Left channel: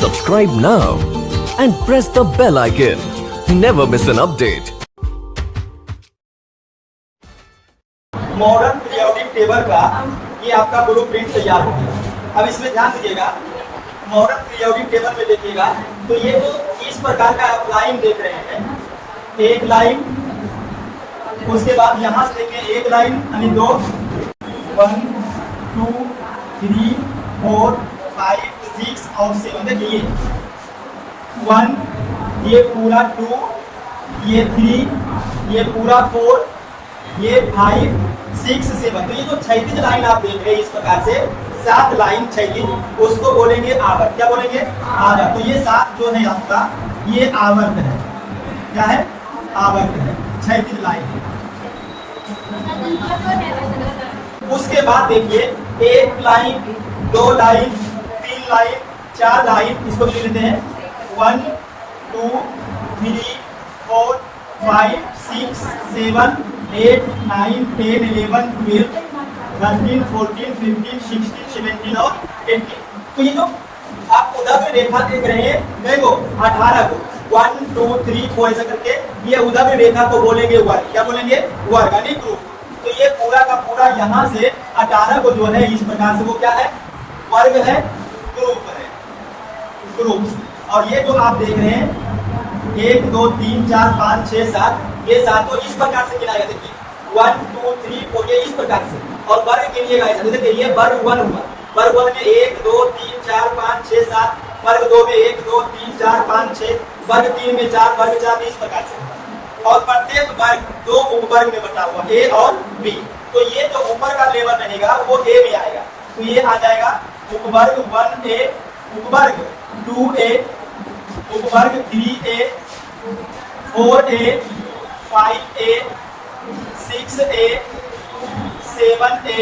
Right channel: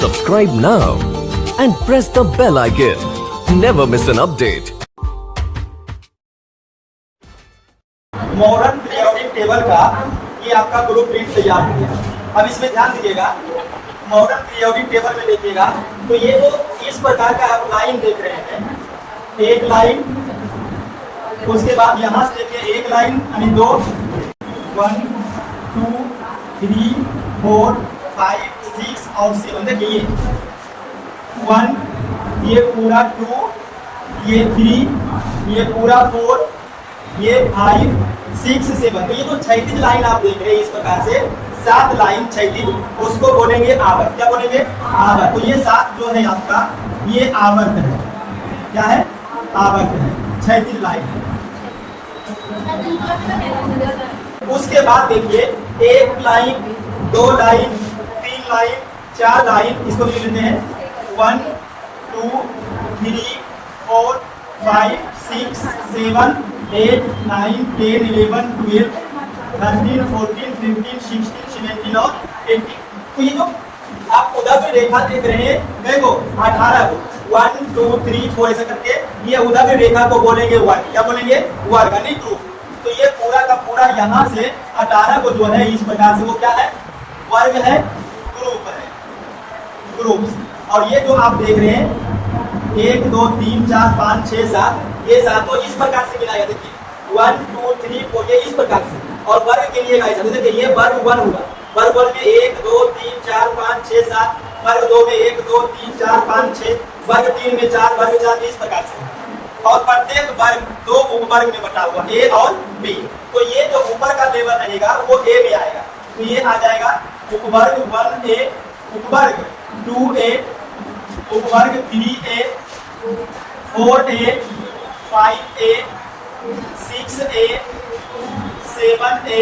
Subscribe now and press the bell icon. Never miss an update. Modern periodic table का ये आपका group print तैयार हो गया। अब इसमें ध्यान दीजिएगा, मॉडर्न पीरियोडिक टेबल में देखिएगा तो ये जो इस प्रकार का आप लाइन देख रहे हैं, एक लाइन, उसके बाद यहाँ से देखिए एक लाइन यानी दो, 1 2 3 4 5 6 और 7। देखिए 1, ये पूरा 2, ये 3, ये पूरा 4, ये 5 6 7। तो ये जो क्षैतिज लाइन आप देख रहे हैं इस प्रकार से 7 लाइन क्षैतिज, उसको बोलेंगे आवर्त। क्या बोलेंगे? आवर्त। तो ये 7 जो है आपका ये आवर्त है। क्या है? आवर्त है, क्षैतिज लाइन। उसके बाद देखिए एक लाइन, 2 लाइन, 3 लाइन, 4 लाइन, इसको लिख लेते हैं 1 2 3 4 5 6 7 8 9 10 11 12 13 14 15 16 17 और 18। तो ये जो आप उदग्र रेखा देख रहे हैं, देखो 18 को 1 2 3 4 ऐसे करके ये उदग्र रेखा को बोलेंगे वर्ग। क्या बोलेंगे? वर्ग यानी ग्रुप। तो ये पूरा का पूरा यहाँ से 18 को जो है इस प्रकार से वो क्या है? वर्ग है, ग्रुप है, ग्रुप। और ये जो आप देख रहे हैं 1 2 3 4 5 6 7, ये 7 इस प्रकार से मिलाया। देखिए 1 2 3 4 ये इस प्रकार से। और वर्ग के लिए देखिए ये वर्ग 1 हुआ, वर्ग 1 में 1 2 3 4 5 6 7, वर्ग 2 में 1 2 3 4 5 6, वर्ग 3 में 4, वर्ग 4 इस प्रकार से। और प्रत्येक वर्ग 2 उपवर्ग में बटा हुआ, ए और बी। तो ये जो ऊपर का लेवल रहेगा वो ए में आएगा। तो ये आ जाएगा उपवर्ग 1A, उपवर्ग 2A, उपवर्ग 3A, 4A, 5A, 6A, 7A,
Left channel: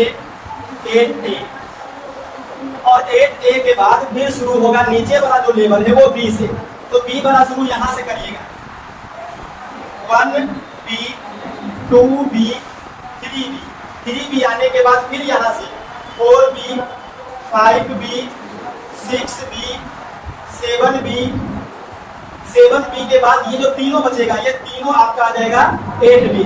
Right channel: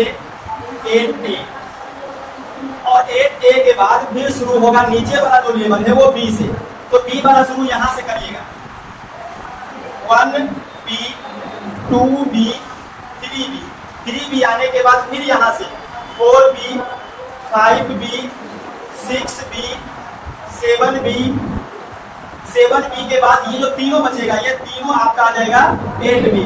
8A। और 8A के बाद फिर शुरू होगा नीचे वाला जो लेवल है वो B से। तो B वाला शुरू यहां से करिएगा, 1B, 2B, 3B। 3B आने के बाद फिर यहाँ से 4B, 5B, 6B, 7B। 7B के बाद ये जो तीनों बचेगा, ये तीनों आपका आ जाएगा 8B।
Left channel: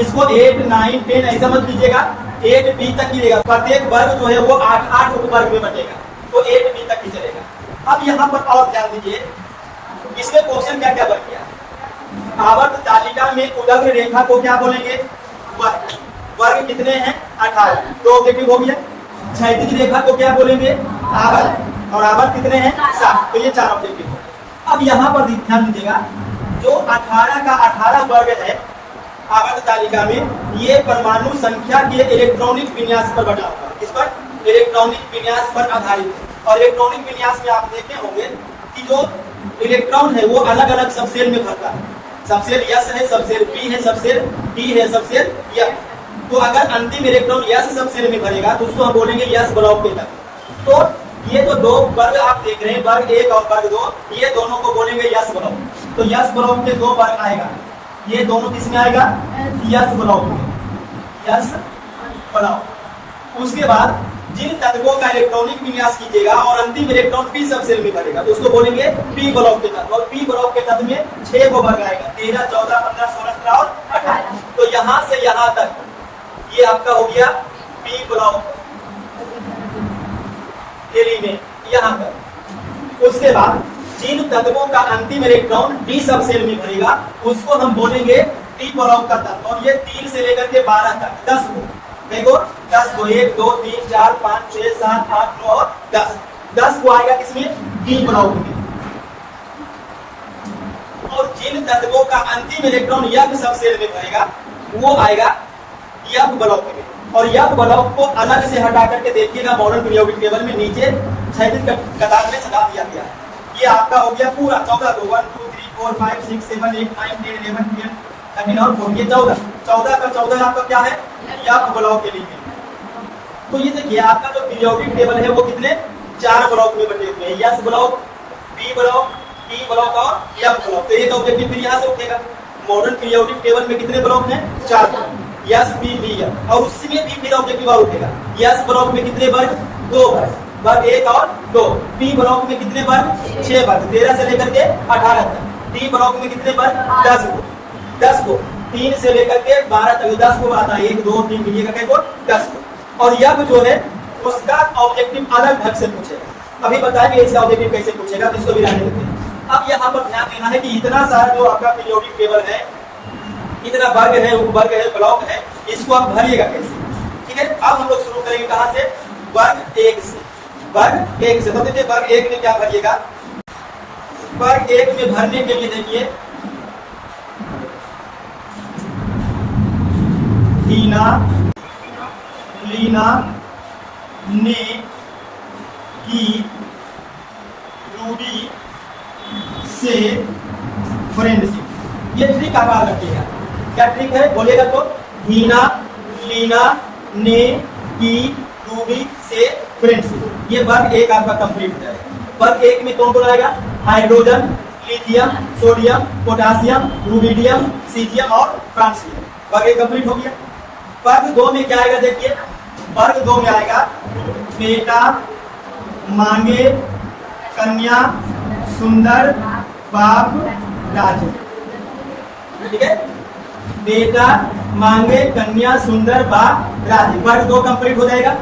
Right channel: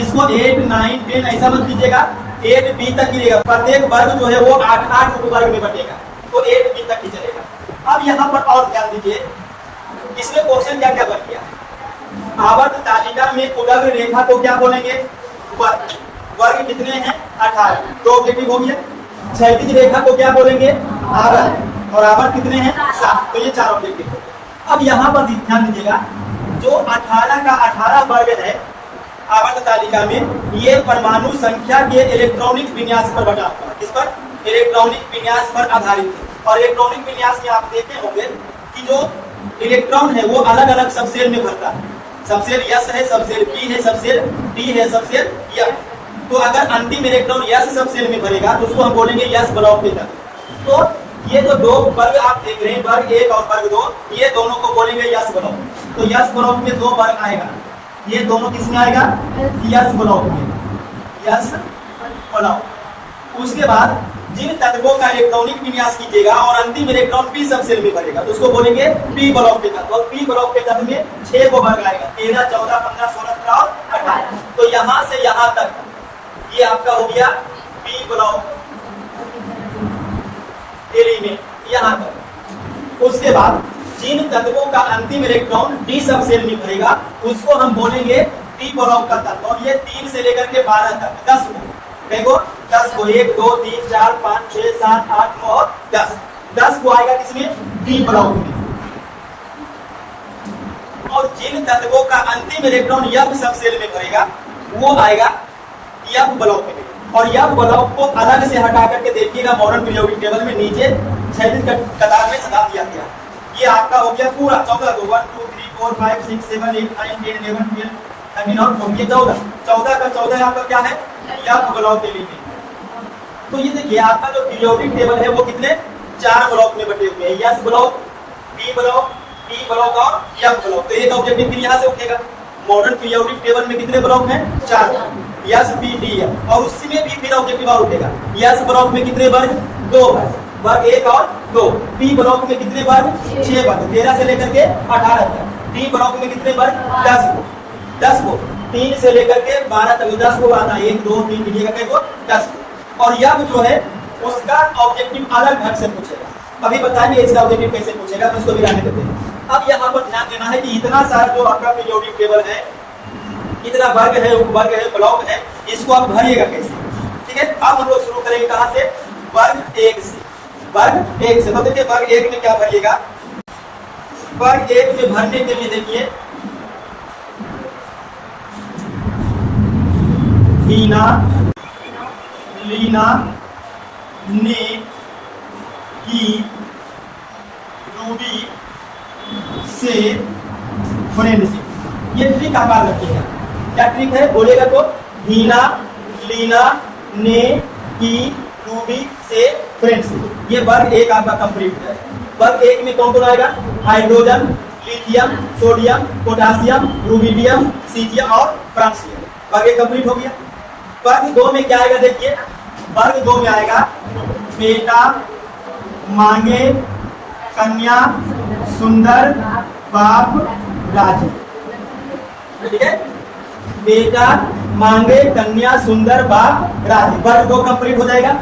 इसको 8 9 10 ऐसा मत लीजिएगा, 8B तक ही रहेगा। प्रत्येक वर्ग जो है वो 8 उपवर्ग में बटेगा, तो 8B तक ही चलेगा। अब यहाँ पर और ध्यान दीजिए, इसमें क्वेश्चन क्या क्या बन गया। आवर्त तालिका में उदग्र रेखा को क्या बोलेंगे? वर्ग। वर्ग कितने हैं? 18। तो ऑब्जेक्टिव हो गया। क्षैतिज रेखा को क्या बोलेंगे? आवर्त। और आवर्त कितने हैं? 7। तो ये 4 ऑब्जेक्टिव। अब यहाँ पर ध्यान दीजिएगा, जो 18 का 18 वर्ग है आवर्त तालिका में, ये परमाणु संख्या के इलेक्ट्रॉनिक विन्यास पर बटा हुआ है। किस पर? इलेक्ट्रॉनिक विन्यास पर आधारित। और इलेक्ट्रॉनिक विन्यास में आप देखते होंगे कि जो इलेक्ट्रॉन है वो अलग अलग सबसेल में भरता है। सबसेल S है, सबसेल P है, सबसेल D है, सबसेल F। तो अगर अंतिम इलेक्ट्रॉन S सबसेल में भरेगा तो उसको हम बोलेंगे S ब्लॉक के तहत। तो ये जो दो वर्ग आप देख रहे हैं, वर्ग 1 और वर्ग 2, ये दोनों को बोलेंगे S ब्लॉक। तो S ब्लॉक में 2 वर्ग आएगा, ये दोनों किस में आएगा? S ब्लॉक में, S ब्लॉक। उसके बाद जिन तत्वों का इलेक्ट्रॉनिक विन्यास कीजिएगा और अंतिम इलेक्ट्रॉन P सबसेल में भरेगा तो उसको बोलेंगे P ब्लॉक के तत्व। और P ब्लॉक के तत्व में 6 को वर्ग आएगा, 13 14 15 16 17 और 18। तो यहाँ से यहाँ तक ये आपका हो गया P ब्लॉक एलिमेंट, यहाँ तक। उसके बाद जिन तत्वों का अंतिम इलेक्ट्रॉन D सबसेल में भरेगा उसको हम बोलेंगे P ब्लॉक का तत्व। और ये 3 से लेकर के 12 तक 10 को, देखो 10 को 1 2 3 4 5 6 7 8 9 और 10। 10 को आएगा किसमें? D ब्लॉक में। और जिन तत्वों का अंतिम इलेक्ट्रॉन F सबसेल में भरेगा वो आएगा F ब्लॉक में। और F ब्लॉक को अलग से हटा करके देखिएगा, मॉडर्न पीरियोडिक टेबल में नीचे क्षैतिज कतार में सजा दिया गया। ये आपका हो गया पूरा 14 को 1 2 3 4 5 6 7 8 9 10 11 12 13 और 14 14 का 14 आपका क्या है? F ब्लॉक के लिए। तो ये देखिए आपका जो पीरियोडिक टेबल है वो कितने? 4 ब्लॉक में बटे हुए हैं, S block, P block, P block और F ब्लॉक। तो एक ऑब्जेक्टिव फिर यहाँ से उठेगा। मॉडर्न पीरियोडिक टेबल में कितने ब्लॉक हैं? 4। S P D है। और उसी में भी फिर ऑब्जेक्टिव और उठेगा। S ब्लॉक में कितने वर्ग? 2 वर्ग। वर्ग 1 और 2। पी ब्लॉक में कितने वर्ग? 6 वर्ग, 13 से लेकर के 18 तक। टी ब्लॉक में कितने वर्ग? 10 को 3 से लेकर के 12 तक 10 को आता है, 1 2 3 गिनिएगा कैसे? 10 को। और यह जो है उसका ऑब्जेक्टिव अलग ढंग से पूछेगा। अभी बताएंगे इसका ऑब्जेक्टिव कैसे पूछेगा, तो इसको भी रहने देते हैं। अब यहाँ पर ध्यान देना है कि इतना सारा जो आपका पीरियोडिक टेबल है, इतना वर्ग है, उपवर्ग है, ब्लॉक है, इसको आप भरिएगा कैसे? ठीक है, अब हम लोग शुरू करेंगे कहां से? वर्ग 1 से। वर्ग 1 से, तो देखिए वर्ग 1 में क्या भरिएगा? वर्ग 1 में भरने के लिए देखिए हीना, लीना, ने, की, रूबी से फ्रेंडशिप। ये ट्रिक आकार रखिएगा। क्या ट्रिक है बोलेगा तो? हीना, लीना, ने, की, रूबी से फ्रेंडशिप। ये वर्ग 1 आपका कंप्लीट है। वर्ग 1 में कौन कौन आएगा? Hydrogen, lithium, sodium, potassium, rubidium, caesium और फ्रांसियम। वर्ग 1 कंप्लीट हो गया। वर्ग 2 में क्या आएगा? देखिए वर्ग 2 में आएगा बेटा, मांगे, कन्या, सुंदर, बाप, राज। ठीक है, बेटा, मांगे, कन्या, सुंदर, बाप, राज। वर्ग 2 कंप्लीट हो जाएगा।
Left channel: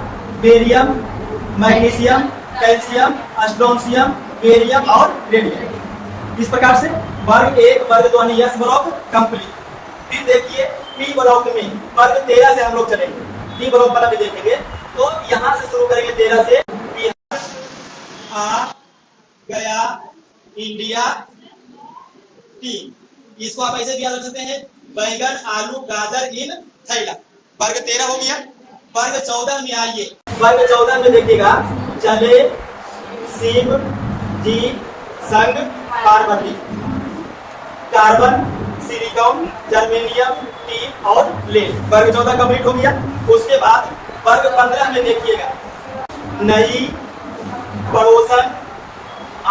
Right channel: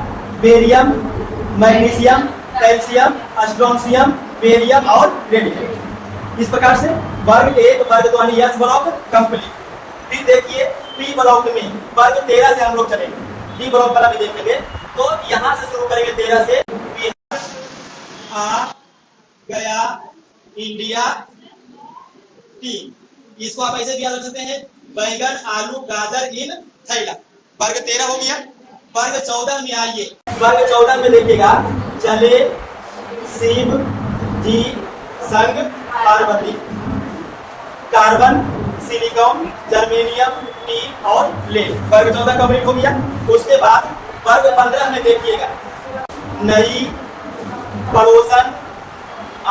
Barium, magnesium, calcium, strontium, barium और रेडियम। इस प्रकार से वर्ग 1 वर्ग 2 यानी यस ब्लॉक कंप्लीट। फिर देखिए पी ब्लॉक में वर्ग 13 से हम लोग चलेंगे। डी ब्लॉक वाला भी देखेंगे, तो यहां से शुरू करेंगे 13 से। बिहार आ गया इंडिया टी, इसको आप ऐसे भी याद रख सकते हैं, बैंगन, आलू, गाजर इन थैला। वर्ग 13 हो गया। वर्ग 14 में आइए। वर्ग 14 में देखिएगा चले, शिव जी, संग, Parvati, carbon, silicon, germanium, tin और लेड। वर्ग 14 कंप्लीट हो गया। उसके बाद वर्ग 15 में देखिएगा नई पड़ोसन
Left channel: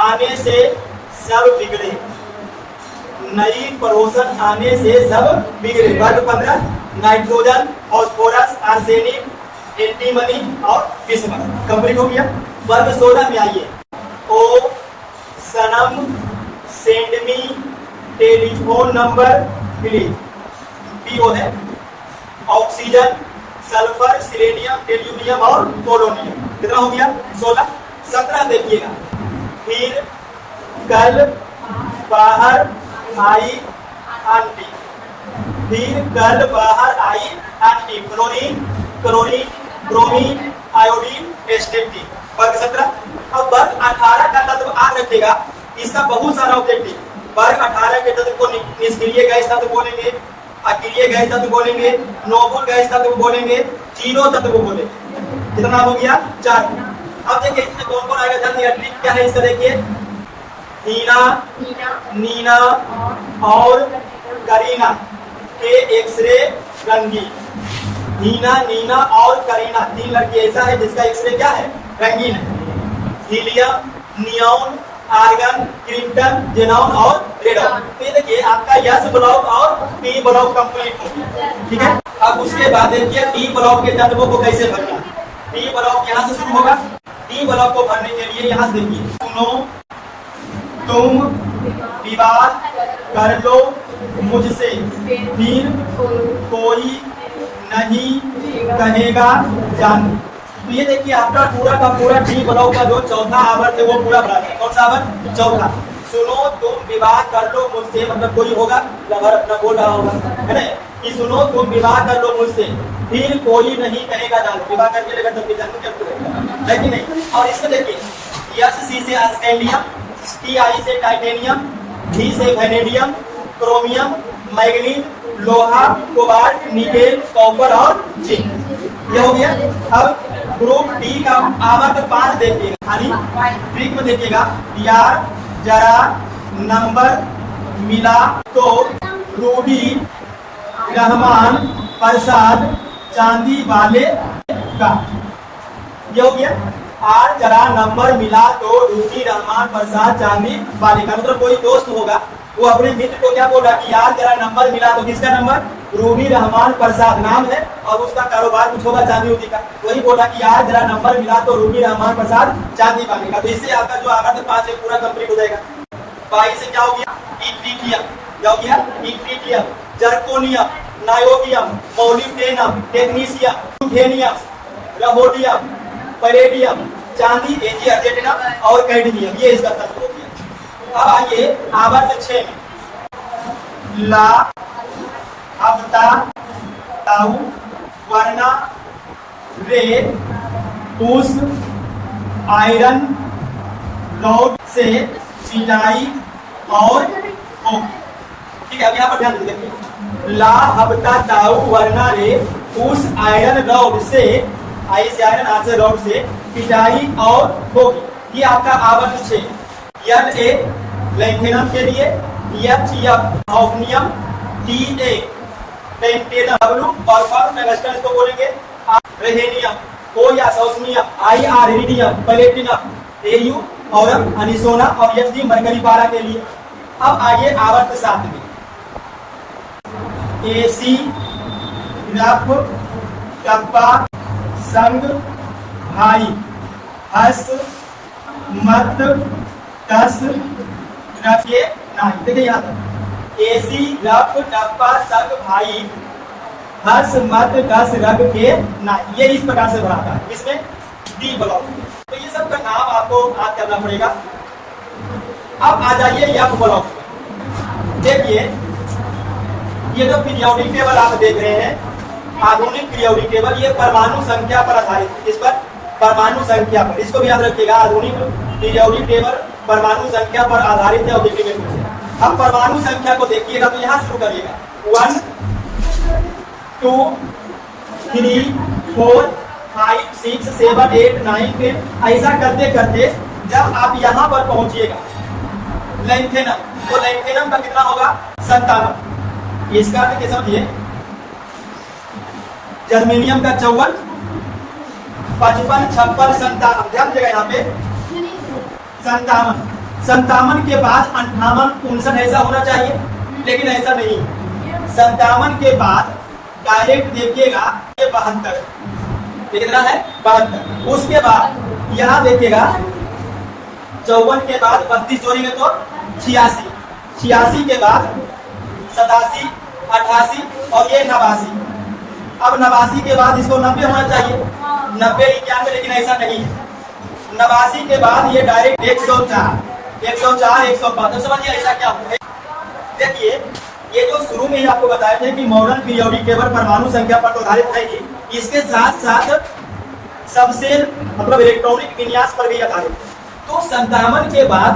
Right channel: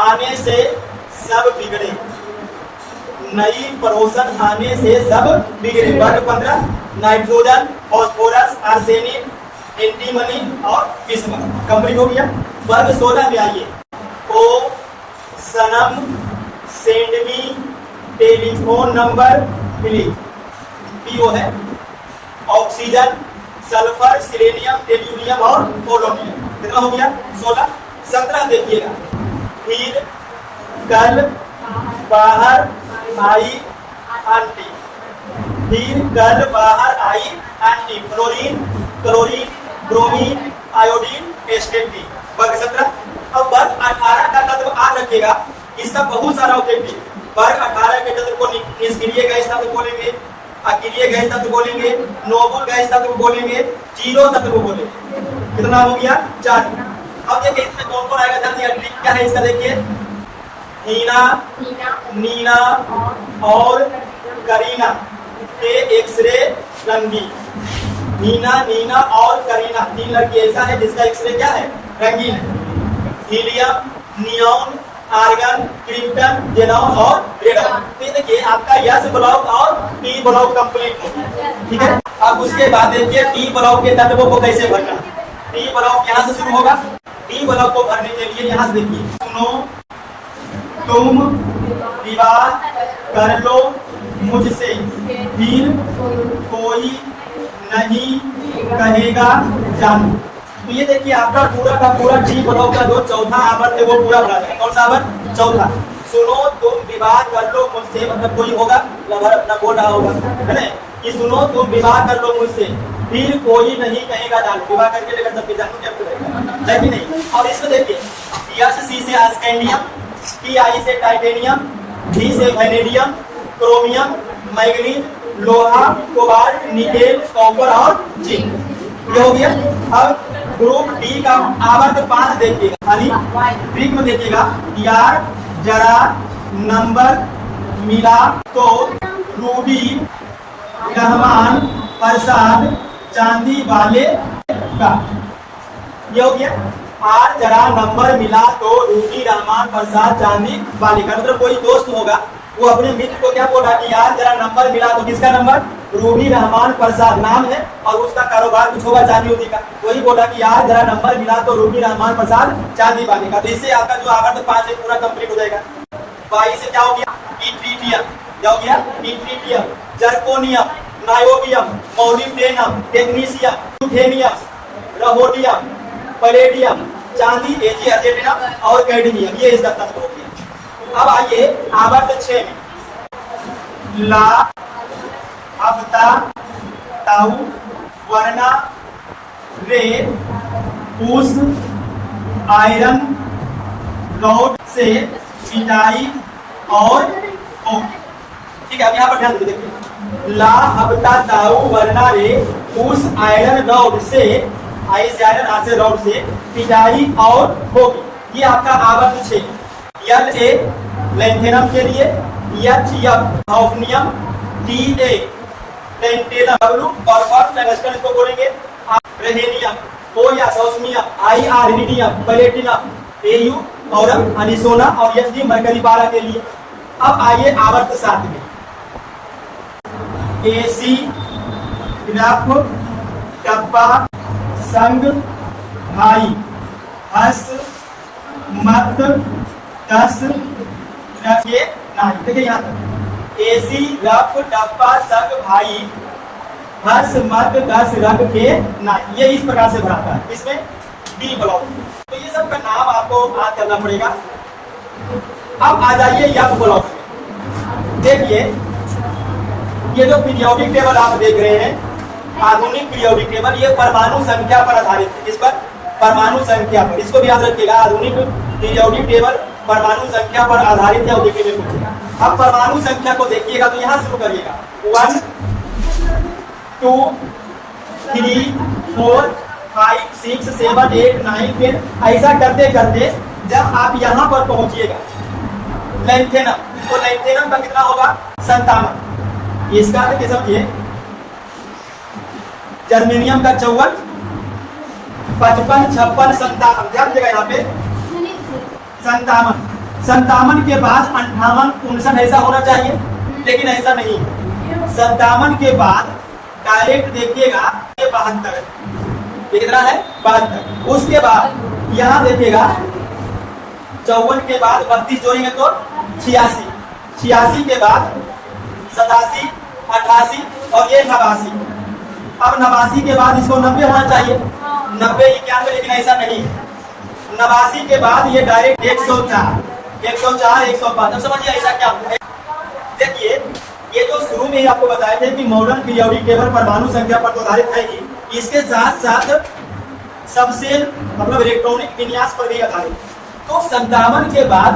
आने से सब बिगड़े। नई पड़ोसन आने से सब बिगड़े। वर्ग 15 नाइट्रोजन, फास्फोरस, आर्सेनिक, एंटीमनी और बिस्मथ कंप्लीट हो गया। वर्ग 16 में आइए। ओ सनम, send me telephone number please. पीओ है ऑक्सीजन, सल्फर, सिलेनियम, टेल्यूनियम और पोलोनियम। कितना हो गया? 16। 17 देखिएगा फिर कल बाहर आई आंटी। फिर कल बाहर आई aunty. Chlorine, chlorine, bromine, iodine, astatine. वर्ग 17। अब वर्ग 18 का तत्व याद रखिएगा, इसका बहुत सारा ऑब्जेक्टिव। वर्ग 18 के तत्व को निष्क्रिय गैस तत्व बोलेंगे, अक्रिय गैस तत्व बोलेंगे, नोबल गैस तत्व बोलेंगे, जीरो तत्व बोलेंगे। कितना हो गया? 4। अब देखिए इसमें कौन कौन आएगा? जल्दी ट्रिक क्या है इसका देखिए। हीना, नीना और करीना के एक्सरे रंगीन। हीना, नीना और करीना 3 लड़की ऐसा है जिसका एक्सरे क्या है? रंगीन है। Helium, neon, argon, krypton, xenon और रेडन। तो ये देखिए आपका यस ब्लॉक और पी ब्लॉक कंप्लीट हो गया। ठीक है, अब उसके बाद देखिए पी ब्लॉक के तत्वों को कैसे भरना। पी ब्लॉक यहाँ से शुरू होगा। पी ब्लॉक को भरने के लिए यहाँ से देखिए, सुनो तुम विवाह कर लो मुझसे, फिर कोई नहीं कहेगा जानू। तो ये देखिए आपका पूरा का पूरा डी ब्लॉक का जो चौथा आवर्त है वो पूरा भरा है। कौन सा आवर्त? चौथा। सुनो तुम विवाह कर लो मुझसे, मतलब कोई होगा लवर अपना बोल रहा होगा, है ना, कि सुनो तुम विवाह कर लो मुझसे, फिर कोई नहीं कहेगा जानू। विवाह करके लेकर तब जानू क्या करेगा, है कि नहीं? और इसमें देखिए यस सी से स्कैंडियम, टी आई से टाइटेनियम, डी से वैनेडियम, क्रोमियम, मैग्नीज, लोहा, कोबाल्ट, निकेल, कॉपर और जिंक। ये हो गया। अब ग्रुप डी का आवर्त 5 देखिएगा, यानी ग्रीक में देखिएगा यार जरा नंबर मिला तो रूबी, रहमान, प्रसाद, चांदी वाले का। ये हो गया। और जरा नंबर मिला तो रूबी, रहमान, प्रसाद, चांदी वाले का। मतलब कोई दोस्त होगा वो अपने मित्र को क्या बोला कि यार जरा नंबर मिला, तो किसका नंबर? रूबी रहमान प्रसाद नाम है और उसका कारोबार कुछ होगा चांदी उदी का। वही बोला कि यार जरा नंबर मिला तो रूबी रहमान प्रसाद चांदी वाले का। तो इससे आपका जो आवर्त 5 है पूरा कंप्लीट हो जाएगा। 22 से क्या हो गया? इट्रीटियम। क्या हो गया? Yttrium, zirconium, niobium, molybdenum, technetium, ruthenium, rhodium, palladium, चांदी, एजी अर्जेंटिनम और कैडमियम। ये इसका तत्व हो गया। अब आइए आवर्त 6 में ला, अब्ता, ताऊ, वर्ना, रे, उस, आयरन, रॉड से पिटाई और ओम। ठीक है, अब यहाँ पर ध्यान देखिए, ला, हबता, ताऊ, वर्ना, रे, उस, आयरन, रॉड से, आई से आयरन, आर से रॉड से पिटाई और होगी। ये आपका आवर्त 6। यल ए लैंथेनम के लिए, H F hafnium, D A tantalum, W कॉर्पर टंगस्टन इसको बोलेंगे, रेहेनियम, ओ या osmium, I R iridium, platinum, A U और अनिसोना और एच डी मरकरी 12 के लिए। अब आइए आवर्त 7 में, एसी, ग्राफ, कप्पा, संग, भाई, हस, मत, दस, रखिए नहीं। देखिए यहाँ एसी, रफ, डब्बा, संग, भाई, हस, मत, दस, रग के नहीं। ये इस प्रकार से भरा था। इसमें डी ब्लॉक। तो ये सब का नाम आपको याद करना पड़ेगा। अब आ जाइए एफ ब्लॉक। देखिए ये जो पीरियोडिक टेबल आप देख रहे हैं, आधुनिक पीरियोडिक टेबल, ये परमाणु संख्या पर आधारित है। इस पर परमाणु संख्या पर, इसको भी याद रखिएगा, आधुनिक पीरियोडिक टेबल परमाणु संख्या पर आधारित है और देखने में कुछ। अब परमाणु संख्या को देखिएगा तो यहाँ शुरू करिएगा 1 2 3 4 5 6 7 8 9 10। ऐसा करते करते जब आप यहाँ पर पहुंचिएगा लैंथेनम, तो लैंथेनम का कितना होगा? 57। इसका अर्थ समझिए, जर्मेनियम का 54, 55, 56, 57। ध्यान देगा यहाँ पे 57। 57 के बाद 58, 59 ऐसा होना चाहिए, लेकिन ऐसा नहीं। 57 के बाद डायरेक्ट देखिएगा ये 72, ये कितना है? 72। उसके बाद यहाँ देखिएगा 54 के बाद 32 जोड़ेंगे तो 86, 86 के बाद 87, 88 और ये 89। अब 89 के बाद इसको 90 होना चाहिए, 90, 91, लेकिन ऐसा नहीं है। 89 के बाद ये डायरेक्ट 104, 104, 105। तो समझिए ऐसा क्या होगा। देखिए ये जो शुरू में ही आपको बताए थे कि मॉडर्न पीरियोडिक टेबल परमाणु संख्या पर आधारित है, इसके साथ साथ सबसेल मतलब इलेक्ट्रॉनिक विन्यास पर भी आधारित। तो 57 के बाद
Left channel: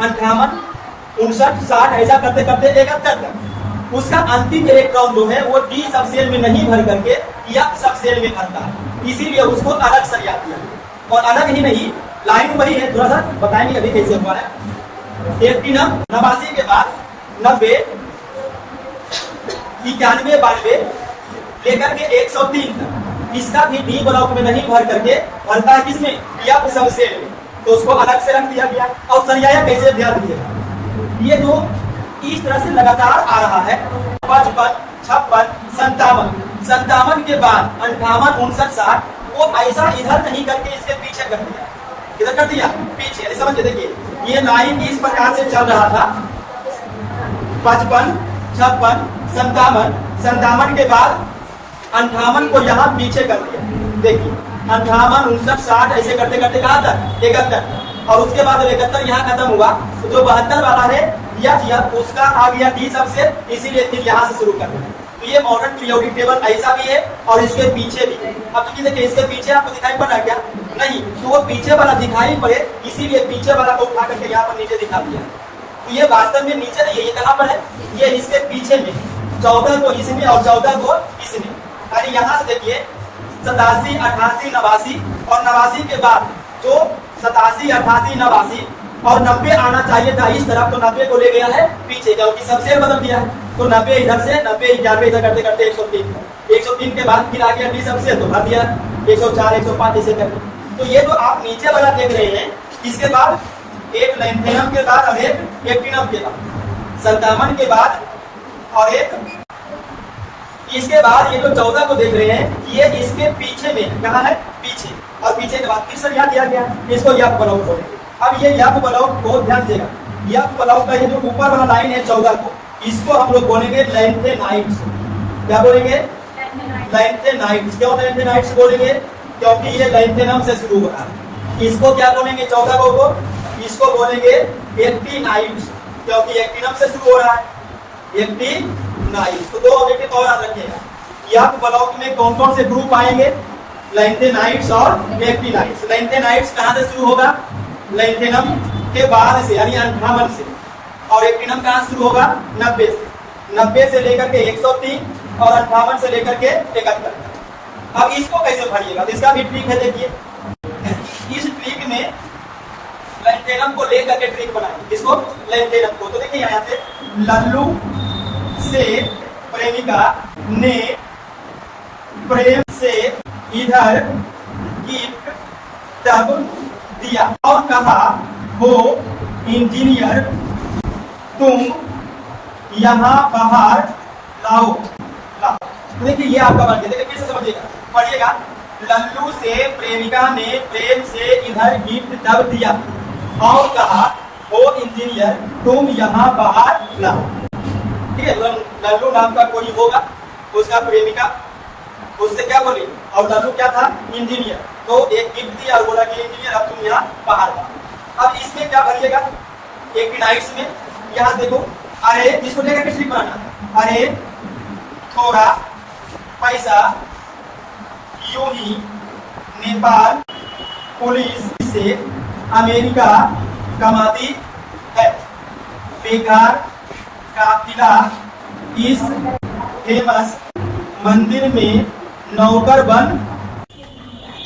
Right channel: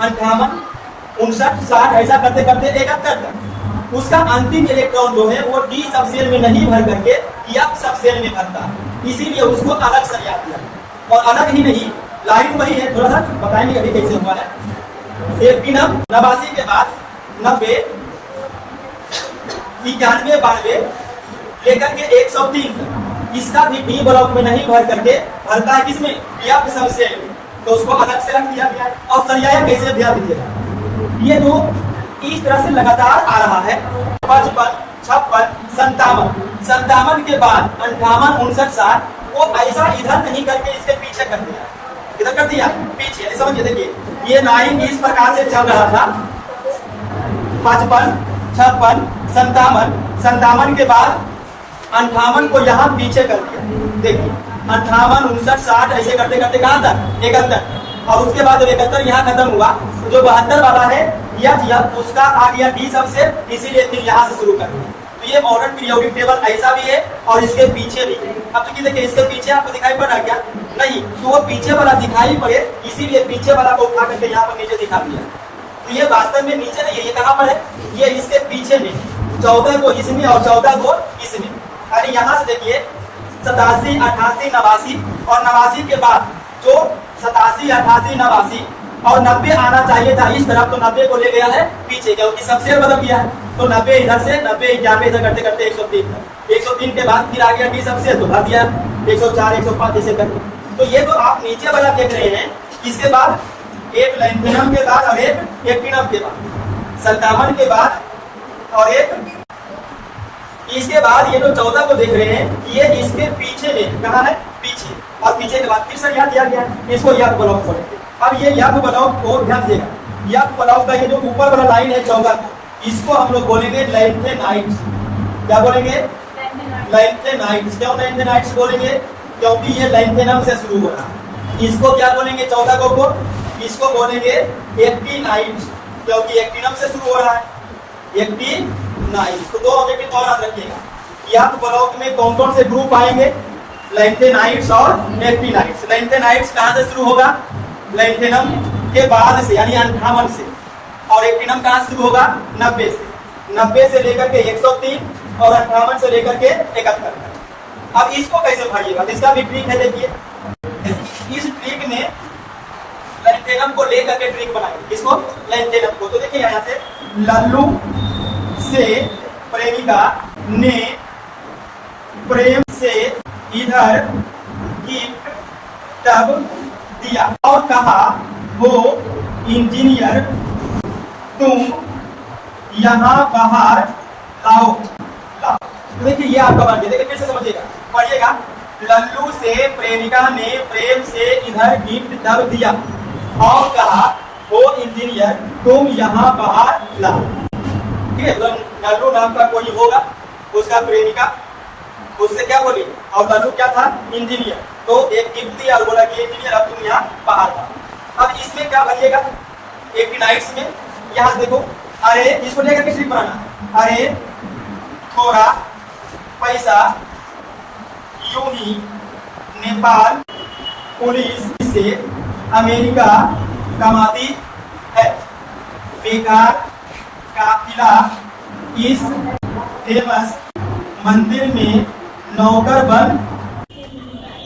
58, 59, 60 ऐसा करते करते 71 तक उसका अंतिम इलेक्ट्रॉन जो है वो डी सबसेल में नहीं भर करके एफ सबसेल में भरता है, इसीलिए उसको अलग सजा दिया। और अलग ही नहीं, लाइन वही है, थोड़ा सा बताएंगे कभी कैसे हुआ है। 89 के बाद 90, 91, 92 लेकर के 103 तक इसका भी डी ब्लॉक में नहीं भर करके भरता है किसमें? एफ सबसेल में। तो उसको अलग से रख दिया गया है। और सरियाया कैसे ध्यान दीजिएगा, ये जो इस तरह से लगातार आ रहा है 55, 56, 57, 57 के बाद 58, 59, 60 वो ऐसा इधर नहीं करके इसके पीछे कर दिया, इधर कर दिया पीछे। समझिए, देखिए ये लाइन इस प्रकार से चल रहा था 55, 56, 57, 57 के बाद 58 को यहाँ पीछे कर दिया। देखिए 58, 59, 60 ऐसे करते करते कहाँ तक? 71। और उसके बाद 71 यहाँ खत्म हुआ, जो 72 वाला है या उसका आ गया डी सबसे, इसीलिए फिर यहाँ से शुरू कर। तो ये मॉडर्न पीरियोडिक टेबल ऐसा भी है और इसके पीछे भी है। अब तो देखिए इसके पीछे आपको दिखाई पड़ रहा क्या? नहीं, तो वो पीछे वाला दिखाई पड़े इसीलिए पीछे वाला को उठा करके यहाँ पर नीचे दिखा दिया। तो ये वास्तव में नीचे नहीं है, ये कहाँ पर है? ये इसके पीछे में 14 को इसमें और 14 को इसमें। अरे यहाँ से देखिए 87, 88, 89 और 89 के बाद जो 87, 88, 89 और 90 आना चाहिए था इस तरफ, तो 90 को ले गया है पीछे, क्योंकि सबसे बदल गया है। तो 90 इधर से 90, 91 इधर करते करते 103, 103 के बाद फिर आ गया डी सबसे, तो भर दिया 104, 105 इसे तक। तो ये जो आप नीचे वाला देख रहे हैं, इसके बाद एक लैंथेनम के बाद और एक एक्टिनम के बाद, 57 के बाद और एक इसके बाद ये जो 14 को देख रहे हैं, ये इसके पीछे में कहाँ है, पीछे, और पीछे के बाद फिर से क्या दिया गया, इसको यफ ब्लॉक बोलेंगे। अब ये यफ ब्लॉक को ध्यान देगा, यफ ब्लॉक का ये जो ऊपर वाला लाइन है 14 को, इसको हम लोग बोलेंगे लेंथेनाइट्स। क्या बोलेंगे, लेंथेनाइट्स। क्यों लेंथेनाइट्स बोलेंगे, क्योंकि ये लेंथेनम से शुरू हो रहा है। इसको क्या बोलेंगे 14 को, इसको बोलेंगे एक्टिनाइट्स, क्योंकि एक्टिनम से शुरू हो रहा है, एक्टिनाइट्स। तो दो ऑब्जेक्टिव और याद रखिएगा, यफ ब्लॉक में कौन कौन से ग्रुप आएंगे, लेंथेनाइट्स और एक्टिनाइट्स। लेंथेनाइट्स कहां से शुरू होगा, लेंथेनम के बाद से यानी 58 से, और एक्टिनम कहां शुरू होगा, 90 से। 90 से लेकर के 103 और 58 से लेकर के 71। अब इसको कैसे भरिएगा, इसका भी ट्रिक है। देखिए इस ट्रिक में लेंथेनम को लेकर के ट्रिक बनाएंगे, किसको, लेंथेनम को। तो देखिए यहाँ से लल्लू से प्रेमिका ने प्रेम से इधर गिफ्ट तब दिया और कहा, हो इंजीनियर तुम यहाँ बाहर लाओ। देखिए ये आपका बन गया। देखिए फिर से समझिएगा, पढ़िएगा। लल्लू से प्रेमिका ने प्रेम से इधर गिफ्ट तब दिया और कहा, हो इंजीनियर तुम यहाँ बाहर लाओ। ठीक है, लल्लू नाम का कोई होगा, उसका प्रेमिका, उससे क्या बोली, और लल्लू क्या था, इंजीनियर। तो एक गिफ्ट दिया और बोला कि इंजीनियर अब तुम यहाँ बाहर लाओ। अब इसमें क्या भरिएगा, एक्टिनाइट्स में यहाँ देखो, अरे इसको लेकर के ट्रिक बनाना, अरे थोड़ा पैसा यूं ही नेपाल पुलिस से अमेरिका कमाती है, बेकार काफिला इस फेमस मंदिर में नौकर बन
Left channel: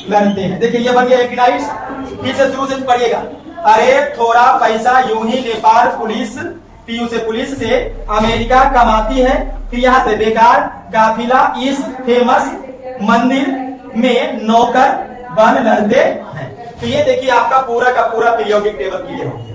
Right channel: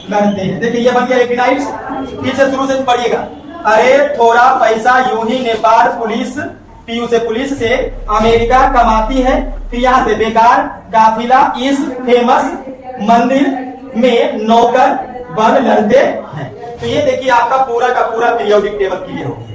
लड़ते हैं। देखिए ये बन गया एक्टिनाइट्स। पीछे शुरू से पढ़िएगा, अरे थोड़ा पैसा यूं ही नेपाल पुलिस, पीयू से पुलिस से अमेरिका कमाती है, फिर यहाँ से बेकार काफिला इस फेमस मंदिर में नौकर बन लड़ते हैं। तो ये देखिए आपका पूरा का पूरा पीरियोडिक टेबल क्लियर हो गया।